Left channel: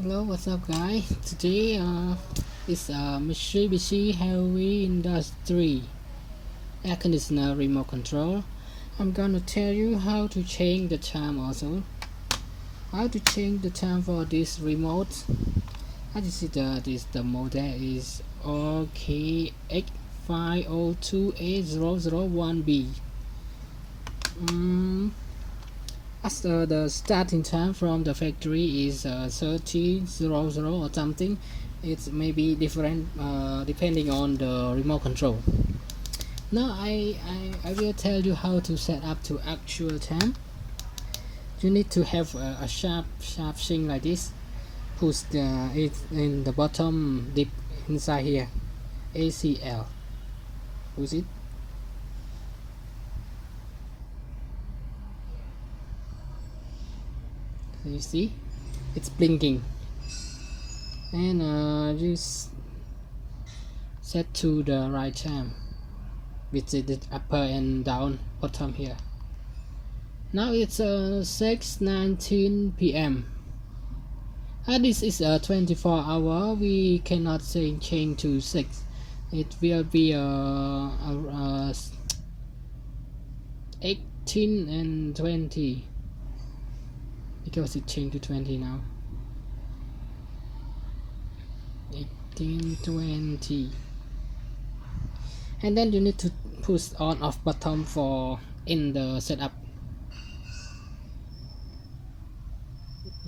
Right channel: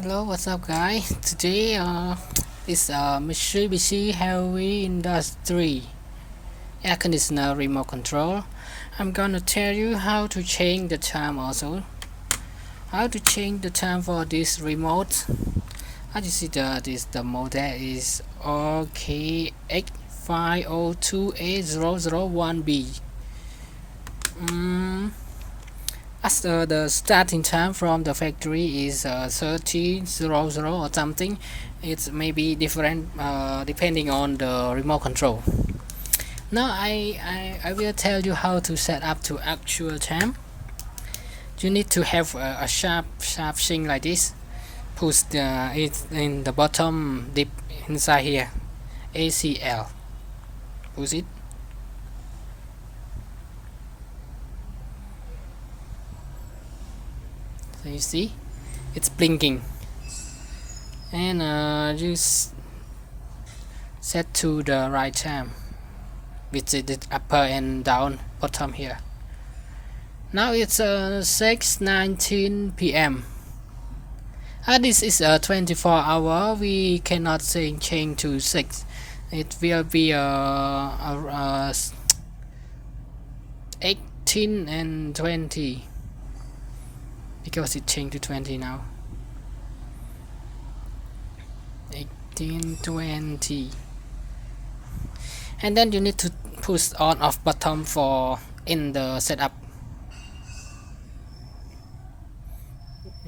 Hello, what's up, guys? Today, is Mitsubishi Heavy Industry air conditioner remote control. I'm gonna tell you how to change the time also. How to change the time for this remote. As you see, the model is OKX502A001B. As the starting time from the factory is 1300 or something, it's maybe different depending on the remote control. Now I will tell you how to set up to actual time. You need to have a sharp thing like this. Push it in the bottom deep inside here. ACL. Push it. So you see, it's blinking, and just set to the right time with the upper and down bottom here. Now it's 6:19 p.m. This is a 24-hour. We cannot change to 6. It will be 18 and 20 because it changed to 20 now. 18, 20, and then you need to push on off button for in the setup.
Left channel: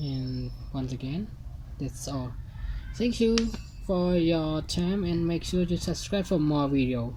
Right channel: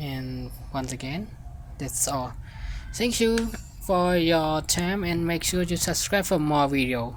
And once again, that's all. Thank you for your time, and make sure you subscribe for more video.